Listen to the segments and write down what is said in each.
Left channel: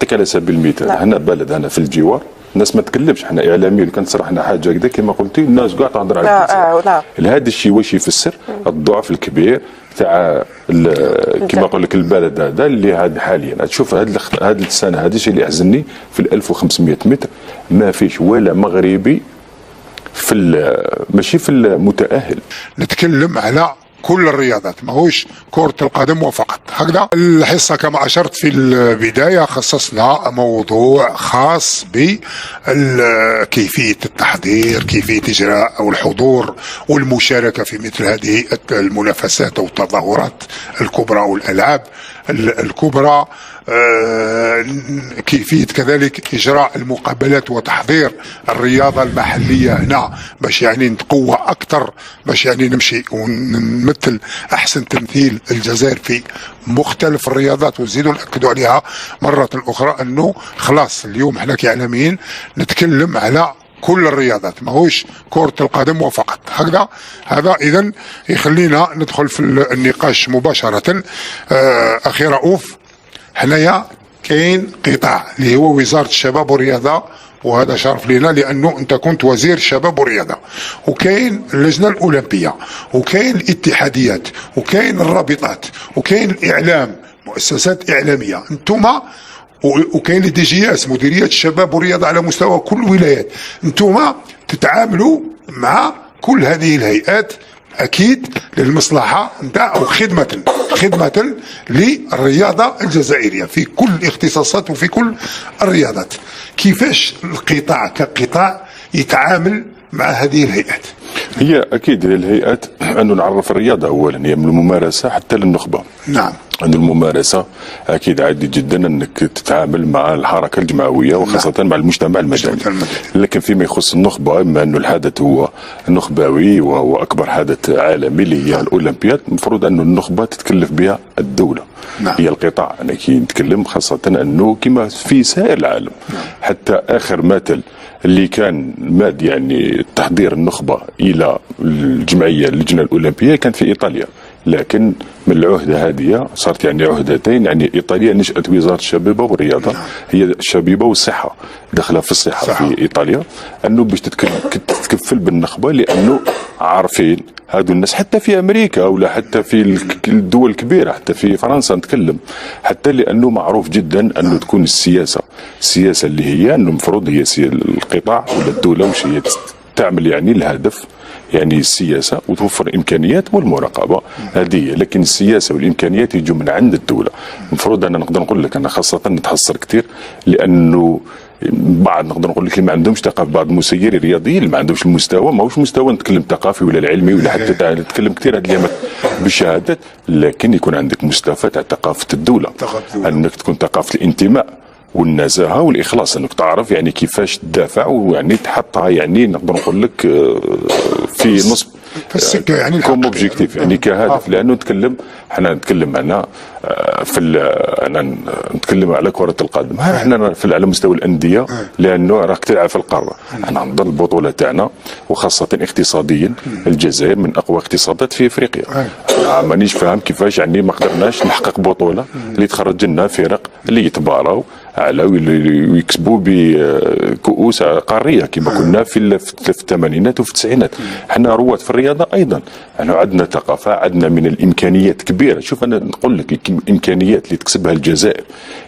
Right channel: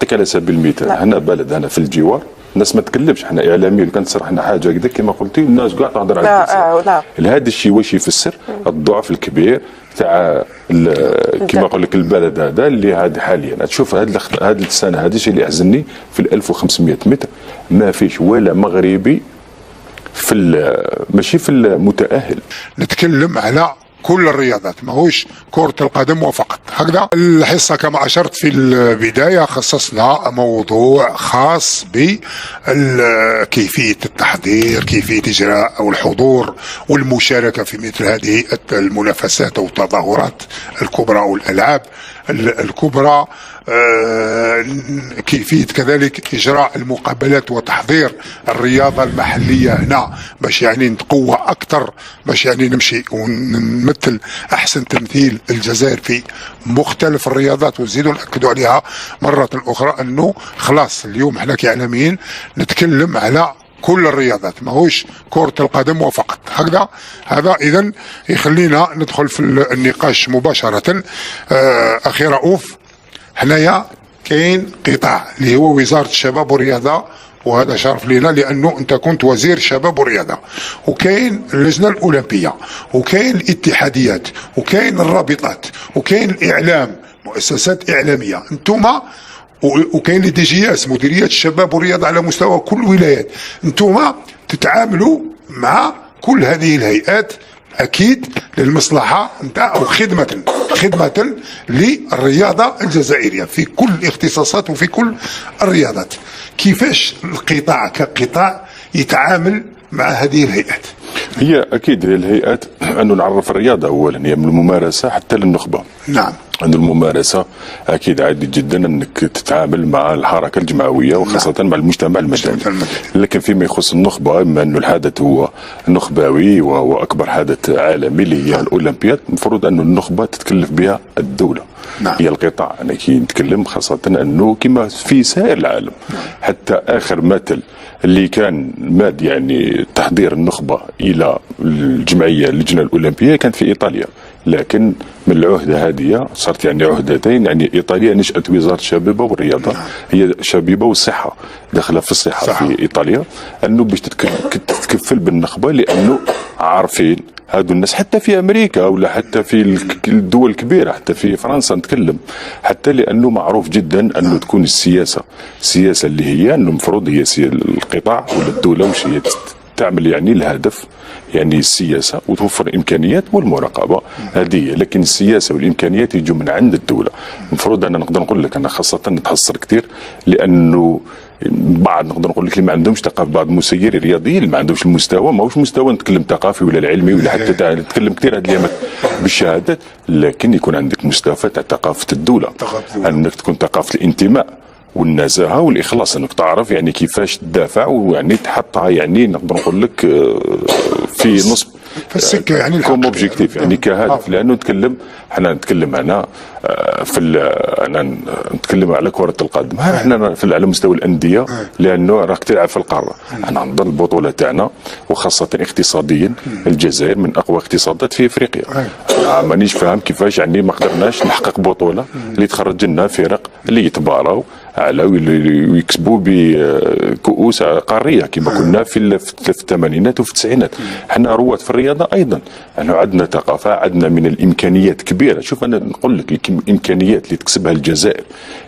نعطيك على سبيل المثال، هنا بلد انا في الجوار الناس ما تكلمش، حنا اعلاميين كان تصرحنا حاجه كذا كما قلتي الناس كاع تهضر على هذا الشيء. واش يفسر الضعف الكبير تاع كما نقول لك البلد هذا اللي هذا حاليا تشوف هذه السنه هذا الشيء اللي يحزنني في 1500 متر ما فيش ولا مغربي في ماشي في المتاهل. نتكلم على كل الرياضات ماهوش كرة القدم وفقط. هكذا الحصة كما أشرت في البداية خصصنا موضوع خاص بكيفية التحضير، كيفية إجراء أو الحضور والمشاركة في مثل هذه المنافسات أو التظاهرات الكبرى والألعاب الكبرى، كيفية كذلك إجراء المقابلات وتحضير الرياضة المحلية هنا باش يعني نتقوى أكثر، باش يعني نمشي ونمثل أحسن تمثيل الجزائر في مختلف الرياضات. ونزيدوا نأكدوا عليها مرة أخرى أنه خلاص اليوم احنا كإعلاميين نتكلم على كل الرياضات ماهوش كرة القدم وفقط. هكذا هذا إذن يخلينا ندخل في النقاش مباشرة. أخي رؤوف، هنايا كاين قطاع اللي هو وزارة الشباب والرياضة، وهذا شرف لنا لأنه أنت كنت وزير الشباب والرياضة، وكاين اللجنة الأولمبية، وكاين الاتحاديات، وكاين الرابطات، وكاين الإعلام، مؤسسات إعلامية، أنتم وكاين الدجياس مديرية الشباب والرياضة على مستوى كل الولايات، أنتم تتعاملوا مع كل هذه الهيئات أكيد للمصلحة أو خدمة للرياضة الجزائرية في كل الاختصاصات وفي كل الرياضات. كيفاش القطاع كقطاع يتعامل مع هذه الهيئات؟ هي أكيد للهيئات أنه نعرف الرياضة أولا هي من الممارسة حتى للنخبة. نعم. أن الممارسة أكيد عادي جدا أنك تتعامل مع الحركة الجماوية وخاصة مع المجتمع المدني، لكن فيما يخص النخبة بما أنه الحدث هو نخبوي وهو أكبر حدث عالمي اللي هي الأولمبياد، المفروض أنه النخبة تتكلف بها الدولة. نعم. هي القطاع. أنا كي نتكلم خاصة أنه كما في سائر العالم حتى آخر مثل اللي كان ماد يعني تحضير النخبة إلى الجمعية اللجنة الأولمبية كانت في إيطاليا، لكن من العهدة هذه صارت يعني عهدتين. يعني إيطاليا نشأت وزارة الشباب والرياضة، هي الشبيبة والصحة داخلة في الصحة في إيطاليا، أنه باش تتكفل بالنخبة، لأنه عارفين هادو الناس حتى في أمريكا ولا حتى في الدول الكبيرة حتى في فرنسا نتكلم، حتى لأنه معروف جدا أنه تكون السياسة اللي هي أنه المفروض هي القطاع ولا الدولة وش هي تعمل يعني الهدف يعني السياسة وتوفر الإمكانيات والمراقبة هذه، لكن السياسة والإمكانيات يجوا من عند الدولة. المفروض أنا نقدر نقول لك أنا خاصة نتحسر كثير لأنه بعض نقدر نقول لك اللي ما عندهمش ثقافه، بعض المسيرين الرياضيين اللي ما عندهمش المستوى، ماهوش مستوى نتكلم ثقافي ولا العلمي ولا حتى نتكلم كثير هاد الايام بالشهادات، لكن يكون عندك مستوى تاع ثقافه الدوله، انك تكون ثقافه الانتماء والنزاهه والاخلاص، انك تعرف يعني كيفاش تدافع ويعني تحطها يعني نقدر نقول لك في نصب في السكه يعني كوم اوبجيكتيف يعني كهدف. لانه احنا نتكلم انا انا نتكلم على كره القدم، احنا على مستوى الانديه لانه راك تلعب في القاره، انا نظن البطوله تاعنا وخاصه اقتصاديا الجزائر من اقوى اقتصادات في افريقيا. مانيش فاهم كيفاش يعني ما قدرناش نحقق بطوله اللي تخرج لنا فرق اللي يتباراو على ويكسبوا بكؤوس قاريه كما كنا في الثمانينات وفي التسعينات. احنا رواد في الرياضه ايضا، احنا عندنا ثقافه، عندنا من الامكانيات كبيره. شوف انا نقول لك الامكانيات اللي تكسبها الجزائر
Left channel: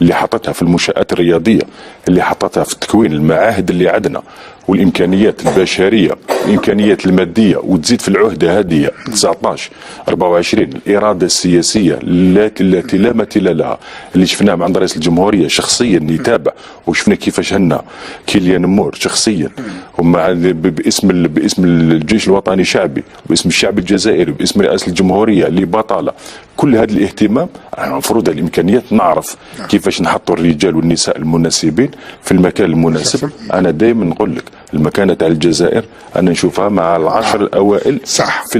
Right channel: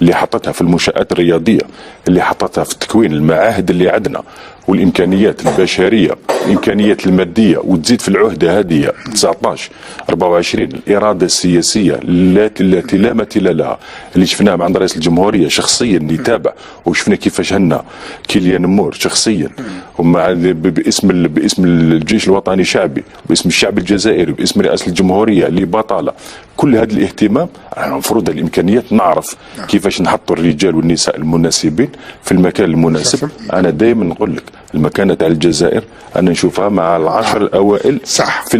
اللي حطتها في المنشات الرياضيه، اللي حطتها في تكوين المعاهد اللي عندنا، والامكانيات البشريه، الامكانيات الماديه، وتزيد في العهده هذه 19 24 الاراده السياسيه التي لا مثيل لها اللي شفناها مع رئيس الجمهوريه شخصيا يتابع، وشفنا كيفاش هنا كيليان مور شخصيا ومع باسم الجيش الوطني الشعبي، باسم الشعب الجزائري، باسم رئاسه الجمهوريه اللي بطاله كل هذا الاهتمام. المفروض الامكانيات نعرف كيفاش نحطوا الرجال والنساء المناسبين في المكان المناسب. انا دائما نقول لك المكانه تاع الجزائر انا نشوفها مع العشر الاوائل صح في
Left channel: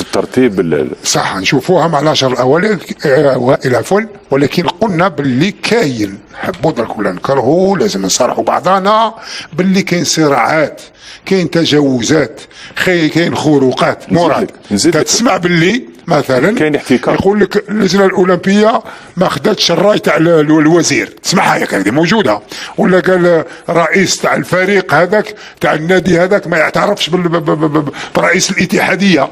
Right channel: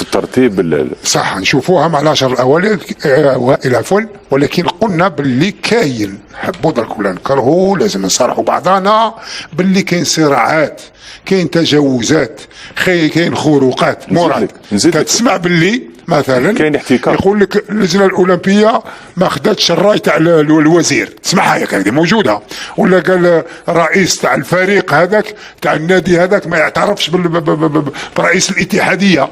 الترتيب صح نشوفوها مع العشر الاوائل عفوا، ولكن قلنا باللي كاين نحبوا درك ولا نكرهوا لازم نصارحوا بعضنا باللي كاين صراعات، كاين تجاوزات، كاين خروقات. مراد تسمع باللي مثلا كاين احتكار. يقول لك اللجنه الاولمبيه ما خدتش الراي تاع الوزير، تسمعها ياك هذه موجوده، ولا قال رئيس تاع الفريق هذاك تاع النادي هذاك ما يعترفش برئيس الاتحاديه.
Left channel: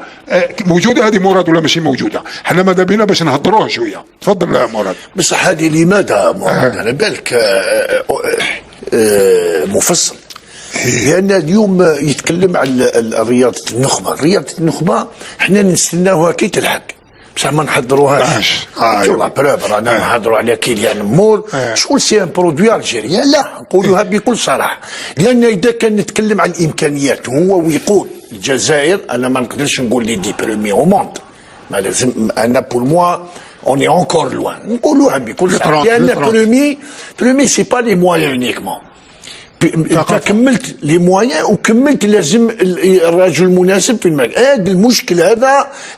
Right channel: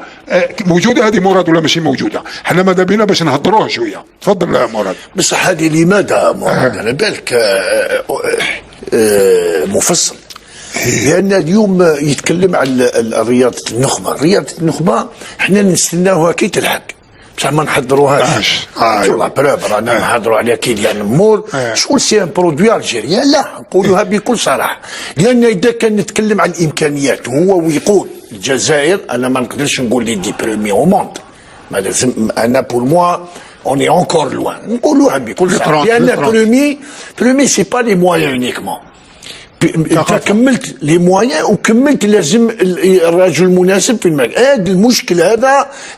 موجوده هذه مراد ولا ماشي موجوده؟ حنا ماذا بينا باش نهضروها شويه. تفضل يا مراد. بصح هذه لماذا مراد على بالك مفصل؟ لأن اليوم يتكلم عن رياضة النخبة. رياضة النخبة احنا نستناوها كي تلحق، بصح ما نحضروهاش. شغل برافو رانا نهضروا على كيليان امور شغل سي ان برودوي الجيريان، لا نقولوها بكل صراحة. لأن إذا كان نتكلم عن الإمكانيات هو ويقوم الجزائر، أنا ما نقدرش نقول لي دي بريمي او موند، ما لازم أنا بور موا on est encore loin. نقولوها بكل صراحة. لأن بريمي سي با لي مويان يونيكمون. انت كملت لي موان وكملت لازم الرجل المناسب في المكان. هذا المشكل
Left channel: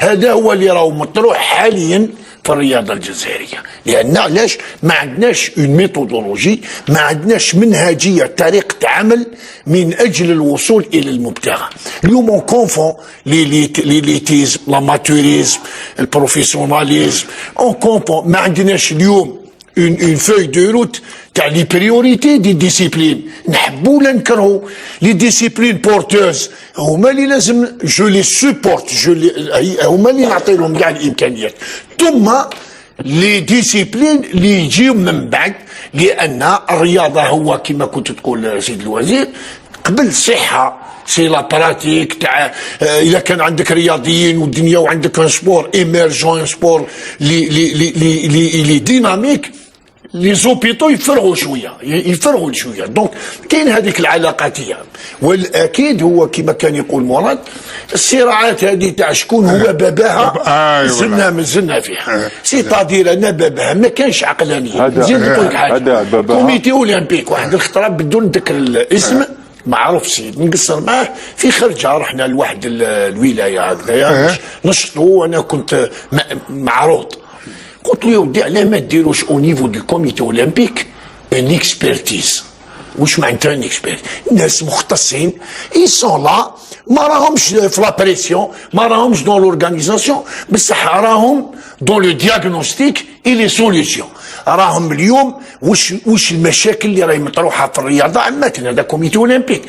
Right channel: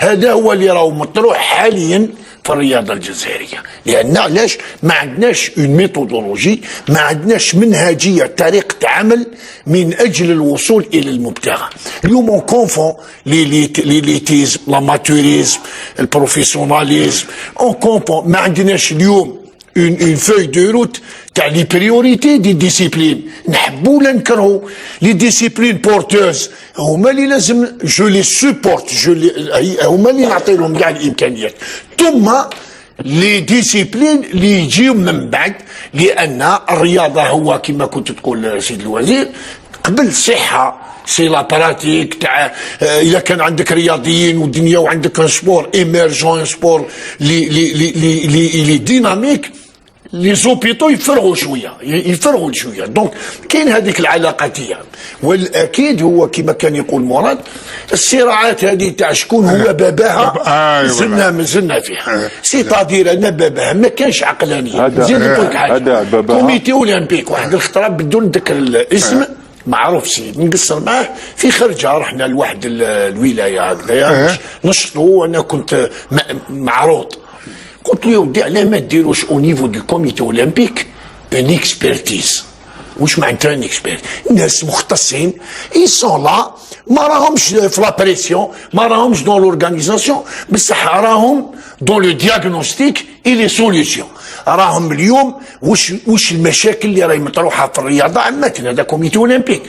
هذا هو اللي راهو مطروح حاليا في الرياضه الجزائريه. لان علاش ما عندناش اون ميثودولوجي، ما عندناش منهجيه، طريقه عمل من اجل الوصول الى المبتغى. اليوم اون كونفون ليليتيزم، لاماتوريزم، البروفيسيوناليزم، اون كونفون. ما عندناش اليوم اون فeuille دو روت تاع لي بريوريتي دي ديسيبلين. نحبوا ولا نكرهوا لي ديسيبلين بورتوز هما اللي لازم جو لي سوبورت، هما اللي نعطي لهم كاع الامكانيات، ثم لي ديسيبلين اللي يجيو من بعد. لان الرياضه هو كما كنت تقول سيد الوزير قبل الصحه سي لا براتيك تاع اذا كان عندك رياضيين والدنيا وعندك ان سبور ايميرجون، سبور لي ديناميك، لي زوبيتو يفرغوا شويه دونك كاين هذيك العلاقاتيه. والاكيد هو كما كان يقول مراد الصراعات هذه تاع شكون هو باباها زلنا فيها. سي تادير انا باباها ما كانش عقلانيه. زيد نقول لك حاجه، كوميتي اولمبيك واحد الخطره بدون ذاك الاسم معروف سيد نقصر معاه في خرجه، رحنا لواحد الولايه هكذايا نشطوا وانا كنت معروض. قلت له ودي علاه ما ديروش او نيفو دو كوميتي اولمبيك ان اكسبيرتيز. واش معناتها ان اكسبيرت؟ ناس مختصين يسون لا، ما راهمش في لا بريسيون، ما راهمش دون لورغانيزاسيون، بصح راهم دون لو دياغنوستيك اي لي سوليسيون. راهم اليوم واش المشاكل اللي راهي مطروحه في الرياضه عامه. هذا كوميتي اولمبيك،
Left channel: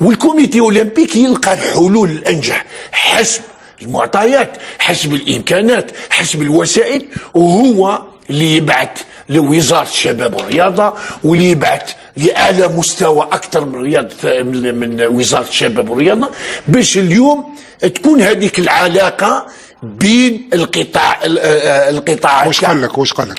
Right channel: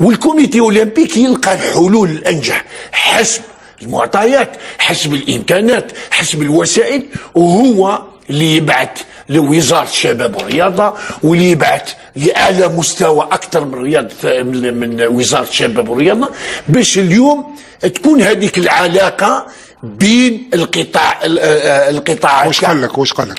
والكوميتي اولمبيك يلقى الحلول الانجح حسب المعطيات، حسب الامكانات، حسب الوسائل، وهو اللي يبعث لوزاره الشباب والرياضه، واللي يبعث لاعلى مستوى اكثر من رياضه من وزاره الشباب والرياضه، باش اليوم تكون هذيك العلاقه بين القطاعات. واش قال لك؟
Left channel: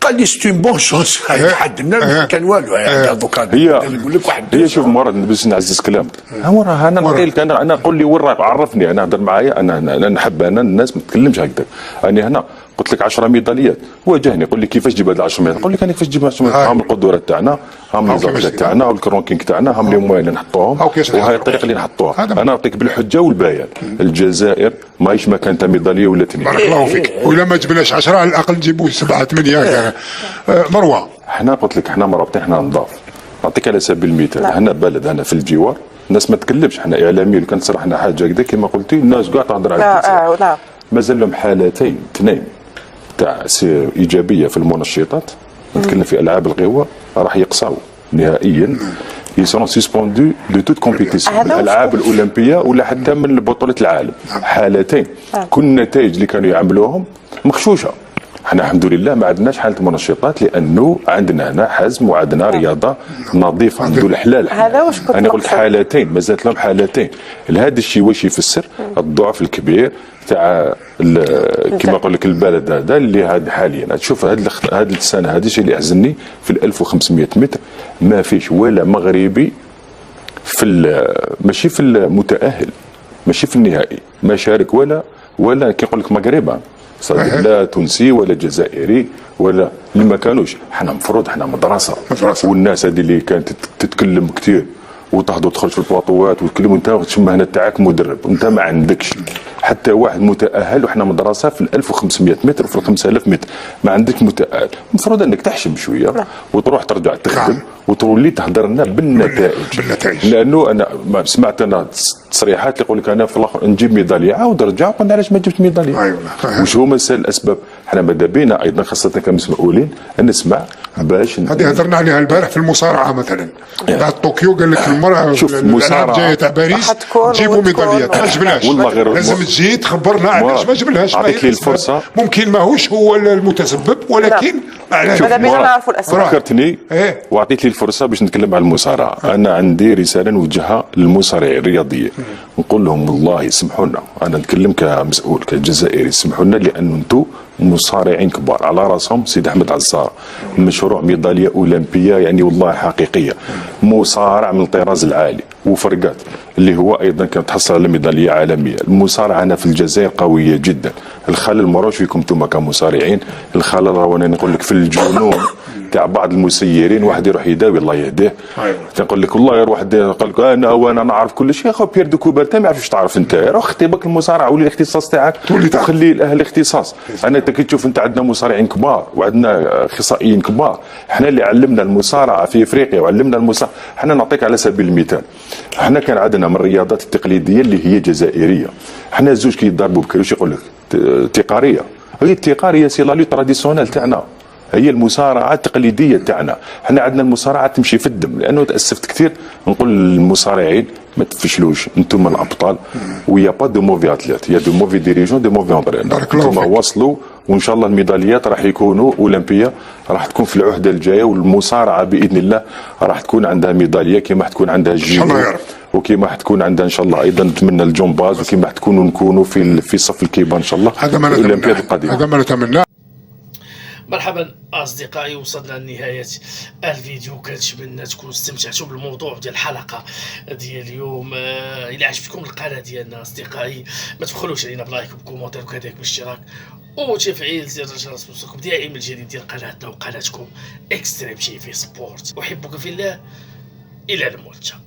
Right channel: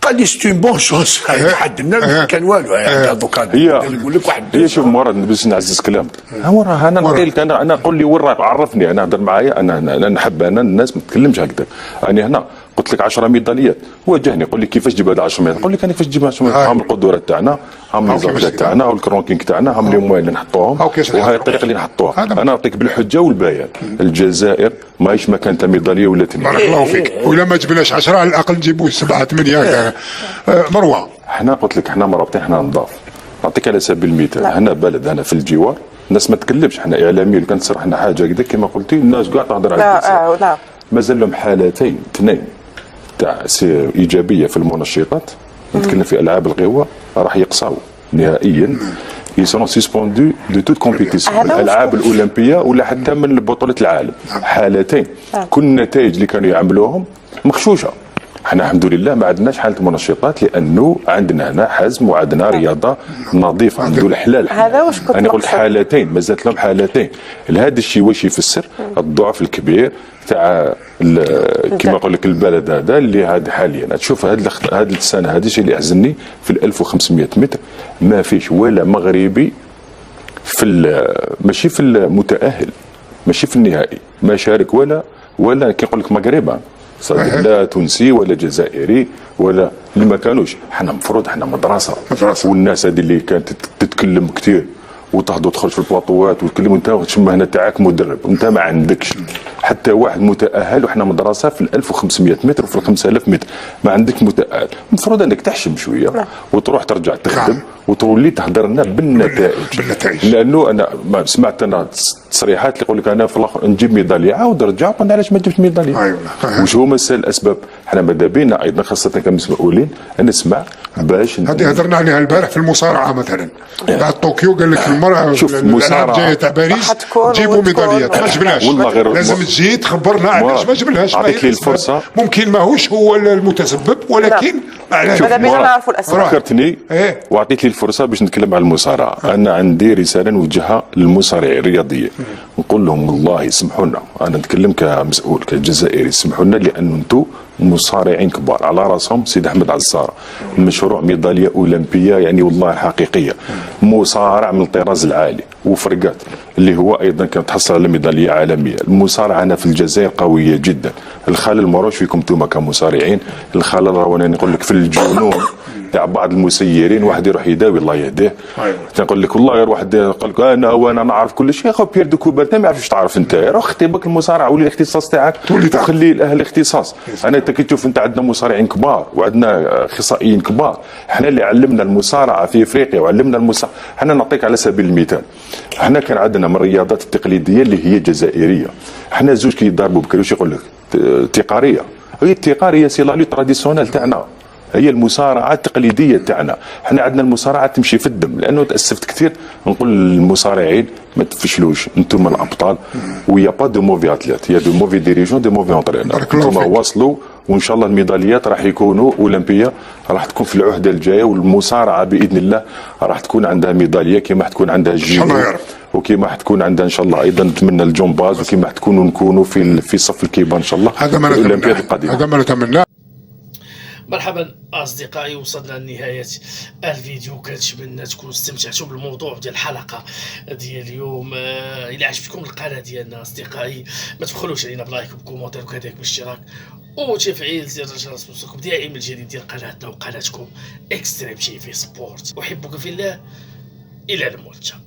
قال لي سي بون شوز. حدنا كان والو دوكا يقول لك واحد. شوف مراد باش نعزز كلامك، انا نقول لك انا قول لي وين راك، عرفني انا هضر معايا، انا نحب الناس ما تتكلمش هكذا. انا هنا قلت لك 10 ميداليات، واجهني قول لي كيفاش تجيب هذا 10 ميداليات، نقول لك انا كيفاش تجيب 10 ميداليات. هم القدرات تاعنا، هم النظام تاعنا والكرونكينغ تاعنا، هم اللي هما اللي نحطوهم، وهاي الطريقه اللي نحطوها. انا نعطيك بالحجه والبيان. الجزائر ماهيش مكان تاع ميداليه ولا اثنين. بارك الله فيك. ولا ما جبناش 10 على الاقل نجيبوا 7 8. مروه احنا قلت لك احنا مرابطين، احنا نضاف. نعطيك على سبيل المثال، احنا بلد انا في الجوار الناس ما تكلمش، احنا اعلاميين كان تصير احنا حاجه كذا كما قلتي الناس قاعده تهضر على مازال لهم حالتين اثنين تاع ايجابيه في المنشطات. نتكلم في العاب القوى راح يقصاو نهائيا، يصيرون سيسبوندو دو توت كومبيتيسيون، الالعاب الاولمبيه ولا حتى من بطوله العالم. حالتين كل النتائج اللي كانوا يعملوهم مغشوشه. احنا الحمد لله ما عندناش حاله منشطات، لانه عندنا هنا حزم وعندنا رياضه نظيفه، عنده الحلال. انا قلت حالتين، مازالت لهم حالتين. هذا الشيء واش يفسر؟ الضعف الكبير تاع كما نقول لك البلد هذا اللي هذا حاليا. تشوف هذه السنه هذا الشيء اللي يحزنني في 1500 متر ما فيش ولا مغربي ماشي في المتاهل، ماشي في النهائي، ما شارك ولا كيقول لك مغربي، لا تونسي ولا جزائري ولا اللي ما كانوش. حنا مفروض حنا مدرسه، والناس هذه اللي كانت تتكلم كثير وتحضر تدخل في البواطوات وتكلم انت وتشم هنا تاعك مدرب، انت ما عندكش حتى واحد متاهل، وحنا مدرسه في 1500 متر وفي 5000 متر، ما عندك متاهل، المفروض انك تحشم شويه وتروح ترجع تخدم وتولي تهدر لنا بالنتائج. لانه انا ما سمعت انا تصريحات اللي يقول لك انا في الاخر نجيب ميداليه، عاود رجع قلنا علاش ما جبت ميداليه؟ وش هما الاسباب؟ احنا ماذا بينا ايضا خاصه كمسؤولين نسمع باش هذه هضرنا عليها البارح في المصارعه مثلا. بعد طوكيو قال لك المراه شوف الالعاب جايه تاع باريس جيبوا ميداليات، ما جبناش، والله غير لازم تجي تخبرنا علاش ما جبناش. اعطيك لي الفرصه، ممكن ماهوش هو المتسبب، ولكن علاش؟ ماذا بينا نعرفوا الاسباب. فكرتني واعطيك لي الفرصه باش نتكلم على المصارعه. انا عندي رساله نوجهها للمصارعين الرياضيين، نقول لهم والله سمحوا لنا، انا نتكلم كمسؤول كجزائري، سمحوا لنا لان انتم مصارعين كبار، على راسهم سيد احمد عصار، مشروع ميداليه اولمبيه يعني والله حقيقيه، مصارع من الطراز العالي وفرقات اللي هو ايضا كانت تحصل على ميداليه عالميه. المصارعه هنا في الجزائر قويه جدا. الخلل ماروش فيكم انتم كمصارعين، الخلل وانا نقول لك في الجنون تاع بعض المسيرين. واحد يروح يداوي الله يهديه، تقول لك والله غير واحد قال لك انا نعرف كل شيء. اخو بيير دو كوبرتا ما يعرفش تعرف انت، روح اختبك المصارعه ولي الاختصاص تاعك وخلي الاهل الاختصاص. انت كي تشوف انت عندنا مصارعين كبار وعندنا اخصائيين كبار، احنا اللي علمنا المصارعه في افريقيا وعلمنا المصارعه. احنا نعطيك على سبيل المثال، احنا كان عندنا من الرياضات التقليديه اللي هي جزائريه، احنا زوج كي يضربوا بكري واش يقول لك تقاريه، هي التقاريه سي لا لو تراديسيونيل تاعنا، هي المصارعه التقليديه تاعنا. احنا عندنا المصارعه تمشي في الدم. لانه تاسفت كثير نقول للمصارعين ما تفشلوش، انتم من ابطال، ويا با دو موفي اتليت، يا دو موفي ديريجون، دو موفي انترينور. انتم واصلوا وان شاء الله الميداليات راح يكونوا اولمبيه، راح تكون في العهده الجايه، والمصارعه باذن الله راح تكون عندها ميداليه كما تكون عندها الجيم، وكما تكون عندها ان شاء الله ايضا نتمنى الجمباز، وكما تكونوا نكونوا في صف الكبار ان شاء الله. هذا ما نتمناه. مرحبا اصدقائي، وصلنا لنهايه الفيديو. كنتمنى تكونوا استمتعتوا بالموضوع ديال الحلقه ديال اليوم. الى عجبتكم القناه ديالنا اصدقائي ما تبخلوش علينا بلايك وبكومونتير وكذلك بالاشتراك وتفعيل زر الجرس ليصلكم دائما الجديد ديال قناتنا وقناتكم اكستريم تي في سبورت. احبكم في الله، الى الملتقى.